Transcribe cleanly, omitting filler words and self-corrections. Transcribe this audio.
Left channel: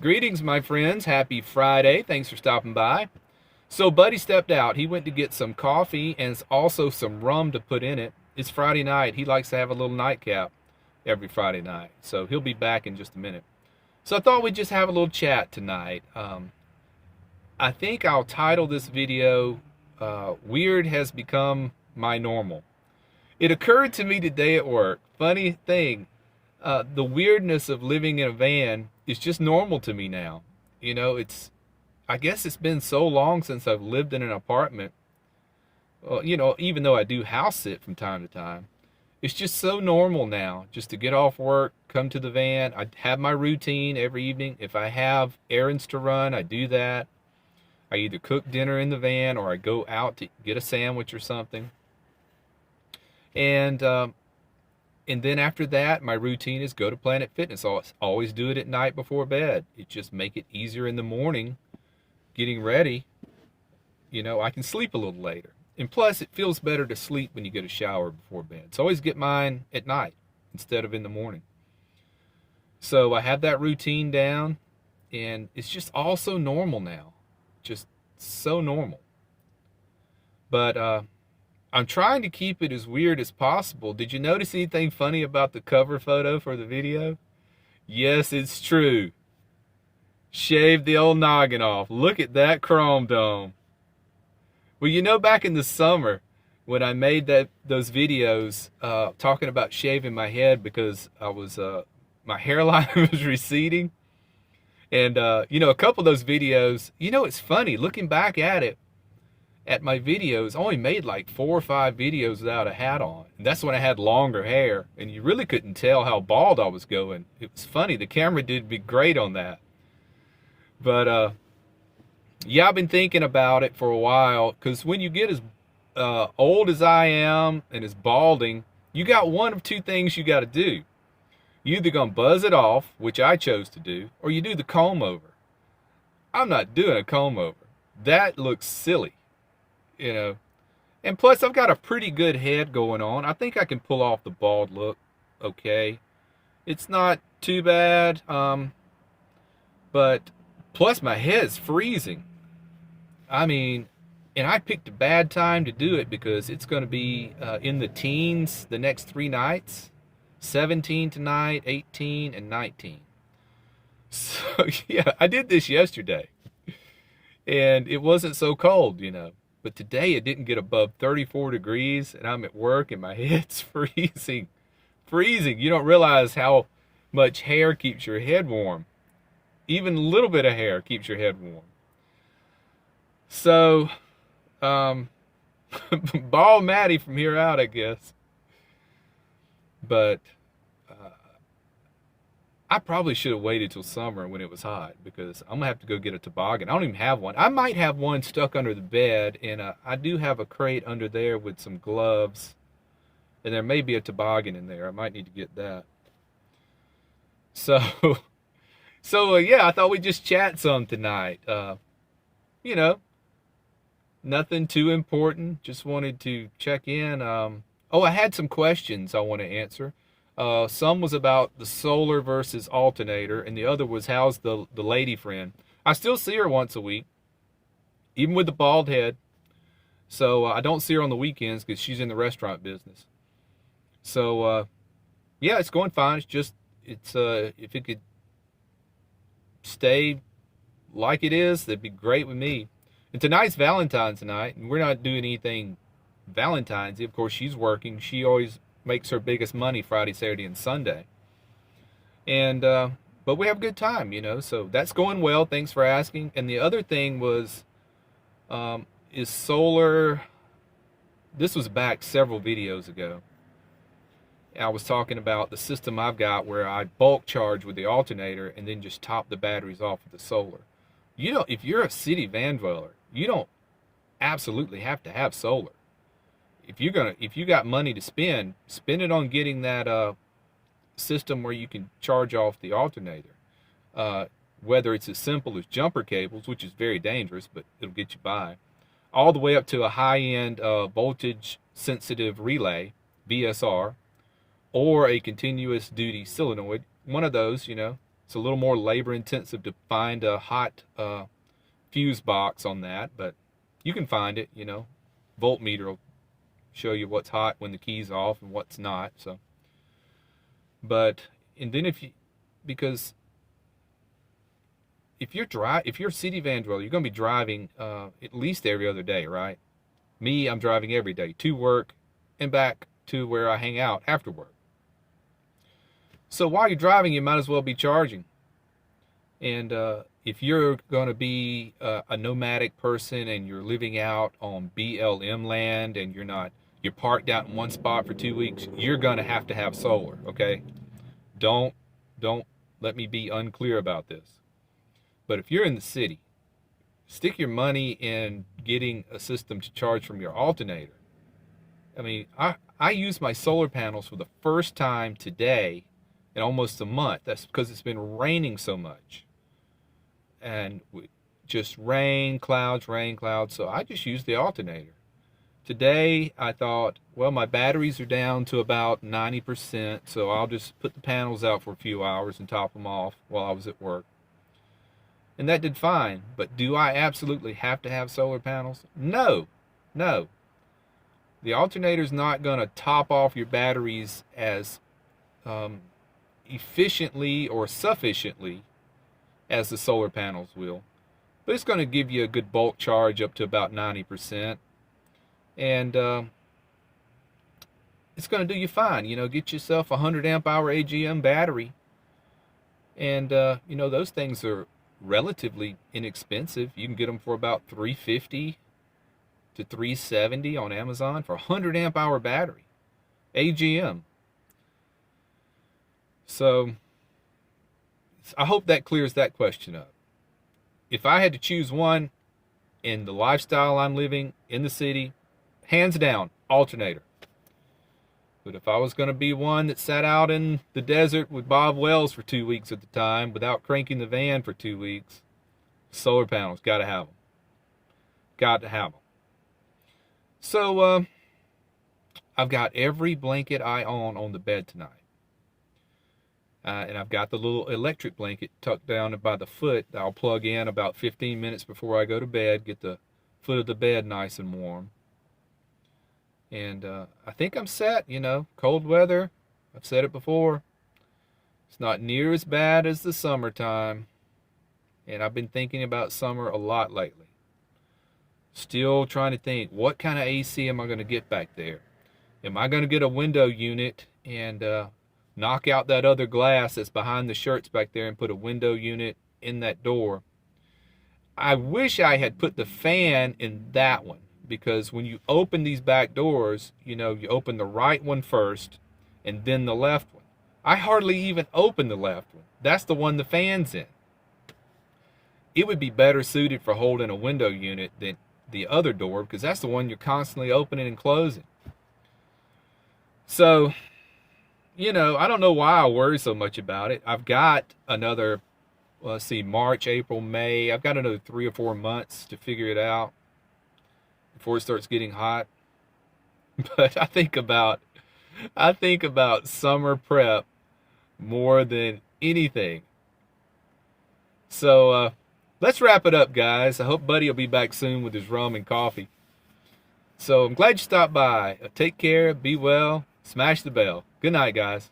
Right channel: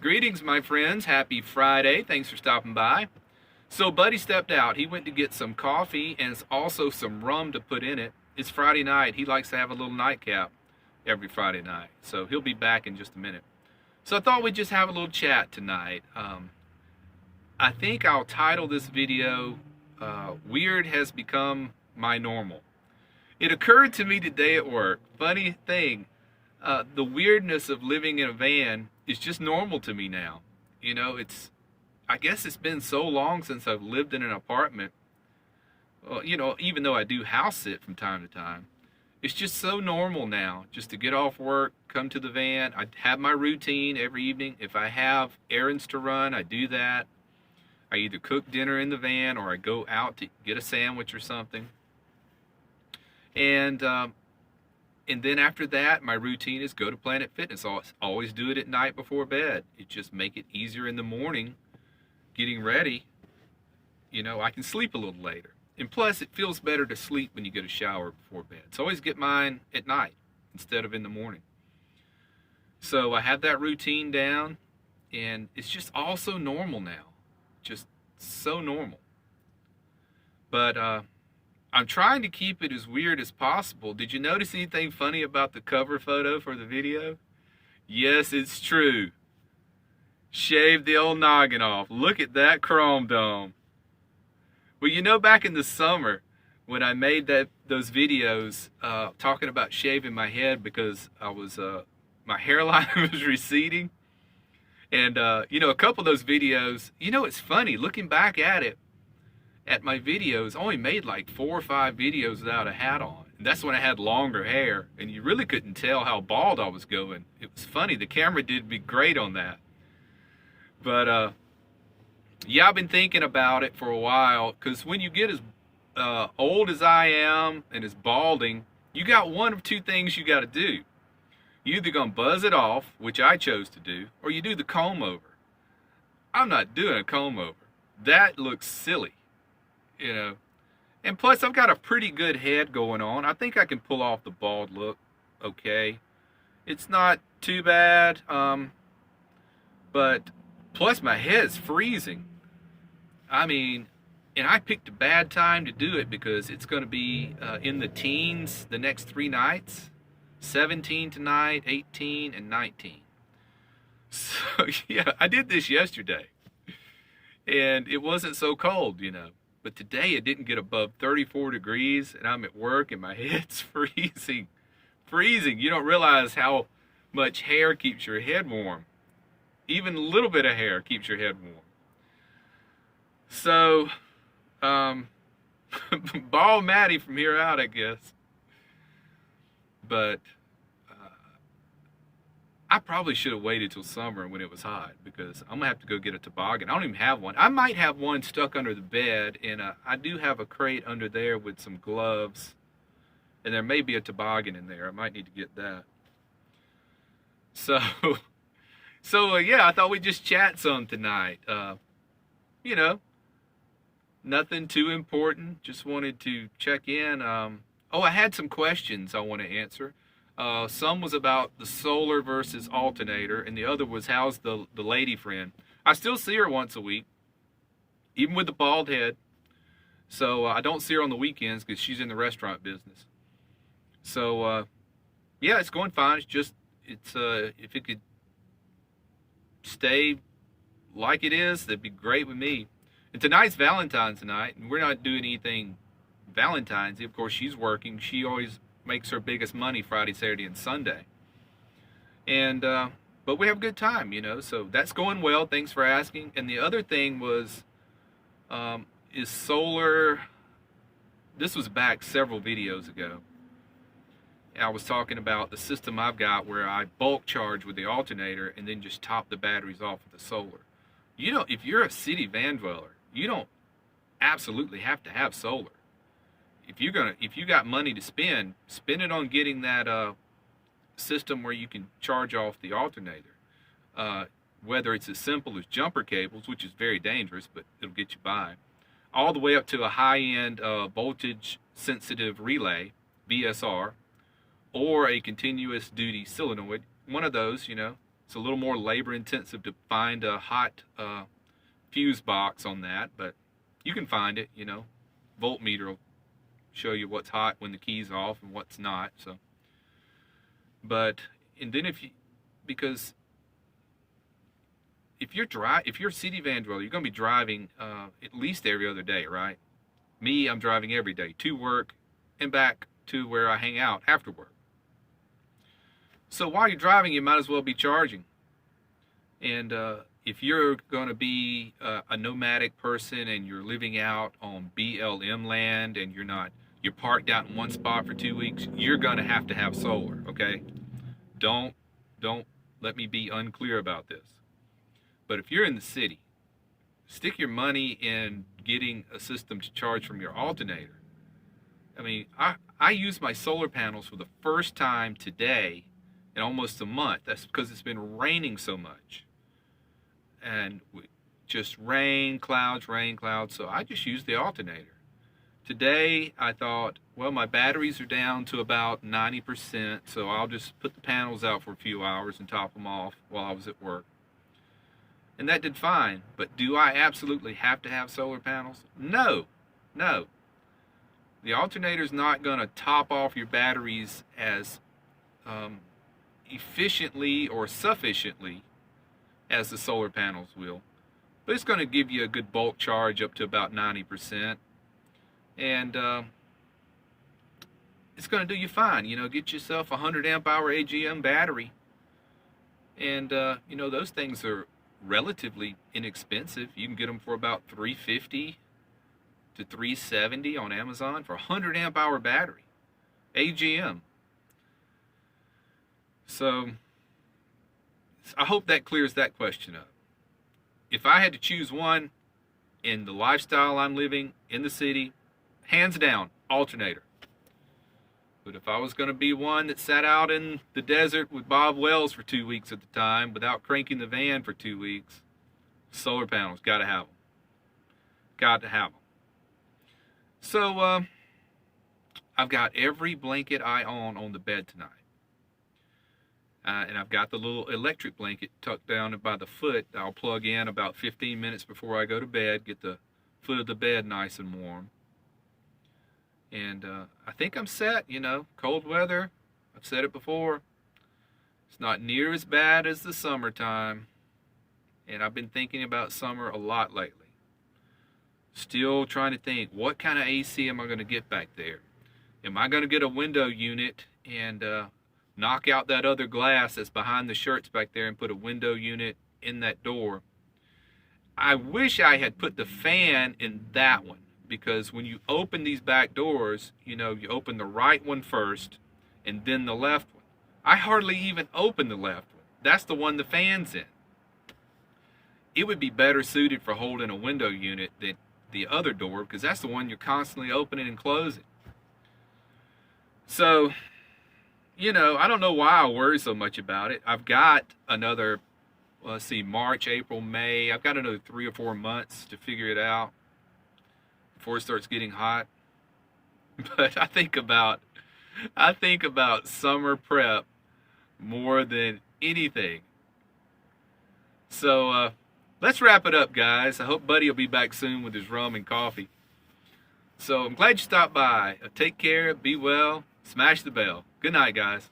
Greetings, my friends. Happy Friday. Thanks for stopping by. So, Buddy stepped out. He went to get some coffee and also some rum to put in it. It's Friday night. He likes to have a little nightcap every Friday night. So, he'll be back in just a minute. So, I thought we'd just have a little chat tonight. I think I'll title this video Weird Has Become My Normal. It occurred to me today at work. Funny thing, the weirdness of living in a van is just normal to me now. You know, I guess it's been so long since I've lived in an apartment. Well, you know, even though I do house sit from time to time, it's just so normal now just to get off work, come to the van. I have my routine every evening. If I have errands to run, I do that. I either cook dinner in the van or I go out to get a sandwich or something. And then after that, my routine is go to Planet Fitness. I always do it at night before bed. It just make it easier in the morning getting ready. You know, I can sleep a little later. And plus, it feels better to sleep when you get a shower before bed. So I always get mine at night instead of in the morning. So I have that routine down, and it's just all so normal now. Just so normal. But I'm trying to keep it as weird as possible. Did you notice anything funny about the cover photo for the video? Yes, it's true. Shaved the old noggin off. Look at that chrome dome. Well, you know, back in the summer when I made those videos talking about shaving my head because my hairline was receding. And, you know, a couple of those videos, you know, it's funny looking back at it. At my videos, I only made like 4 or 5 videos without a hat on. That's when I had longer hair, and you really couldn't tell how bald I was going. It was funny. The camera did me great on that. But yeah, I've been thinking about it for a while, because when you get as old as I am and as balding, you got one of two things you got to do. You either gonna buzz it off, which I chose to do, or you do the comb over. I'm not doing a comb over. That looks silly. You know, and plus I've got a pretty good head going on. I think I can pull off the bald look okay. It's not too bad, but plus my head's freezing. I mean, and I picked a bad time to do it because it's going to be in the teens the next 3 nights. 17 tonight, 18, and 19. So yeah, I did this yesterday. And it wasn't so cold, you know. But today it didn't get above 34 degrees, and I'm at work, and my head's freezing. Freezing. You don't realize how much hair keeps your head warm. Even a little bit of hair keeps your head warm. So, bald Maddie from here out, I guess. But I probably should have waited till summer when it was hot because I'm going to have to go get a toboggan. I don't even have one. I might have one stuck under the bed, and I do have a crate under there with some gloves, and there may be a toboggan in there. I might need to get that. So yeah, I thought we'd just chat some tonight. You know, nothing too important. Just wanted to check in. Oh, I had some questions I want to answer. Some was about the solar versus alternator, and the other was how's the lady friend. I still see her once a week, even with the bald head. So I don't see her on the weekends because she's in the restaurant business. So yeah, it's going fine. It's just if it could stay like it is, that'd be great with me. And tonight's Valentine's night, and we're not doing anything Valentine's. Of course, she's working. She always makes her biggest money Friday, Saturday, and Sunday. And but we have a good time, you know. So that's going well. Thanks for asking. And the other thing was, is solar. This was back several videos ago. I was talking about the system I've got where I bulk charge with the alternator and then just top the batteries off with the solar. You know, if you're a city van dweller, you don't absolutely have to have solar. If you got money to spend it on getting that system where you can charge off the alternator. Whether it's as simple as jumper cables, which is very dangerous, but it'll get you by, all the way up to a high-end voltage sensitive relay, VSR, or a continuous duty solenoid. One of those, you know, It's a little more labor intensive to find a hot fuse box on that, but you can find it. Voltmeter will show you what's hot when the key's off and what's not. So, and then because if you're a city van dweller, you're going to be driving at least every other day, right? Me, I'm driving every day to work and back to where I hang out after work. So while you're driving, you might as well be charging. And if you're going to be a nomadic person and you're living out on BLM land and you're parked out in one spot for 2 weeks, you're going to have solar, okay? Don't let me be unclear about this. But if you're in the city, stick your money in getting a system to charge from your alternator. I mean, I use my solar panels for the first time today in almost a month. That's because it's been raining so much. And just rain, clouds. So I just use the alternator. Today, I thought, well, my batteries are down to about 90%, so I'll just put the panels out for a few hours and top them off while I was at work. And that did fine. But do I absolutely have to have solar panels? No. The alternator's not going to top off your batteries as efficiently or sufficiently as the solar panels will. But it's going to give you a good bulk charge up to about 90%. And it's going to do you fine. Get yourself a 100 amp hour AGM battery. And, those things are relatively inexpensive. You can get them for about $350 to $370 on Amazon for a 100 amp hour battery. AGM. So I hope that clears that question up. If I had to choose one in the lifestyle I'm living in the city, hands down, alternator. But if I was going to be one that sat out in the desert with Bob Wells for 2 weeks at the time without cranking the van for 2 weeks, solar panels, got to have them. Got to have them. So I've got every blanket I own on the bed tonight. And I've got the little electric blanket tucked down by the foot that I'll plug in about 15 minutes before I go to bed, get the foot of the bed nice and warm. And I think I'm set, cold weather. I've said it before. It's not near as bad as the summertime. And I've been thinking about summer a lot lately. Still trying to think, what kind of AC am I going to get back there? Am I going to get a window unit and knock out that other glass that's behind the shirts back there and put a window unit in that door? I wish I had put the fan in that one. Because when you open these back doors, you open the right one first and then the left one. I hardly even open the left one. That's the one the fan's in. It would be better suited for holding a window unit than the other door because that's the one you're constantly opening and closing. So, I don't know why I worry so much about it. I've got another, March, April, May. I've got another 3 or 4 months to figure it out before it starts getting hot. But I think about summer prep more than anything. So let's wrap it up, guys. I hope Buddy will be back soon with his rum and coffee. So I'm glad you stopped by. Take care, be well, smash the bell. Good night, guys.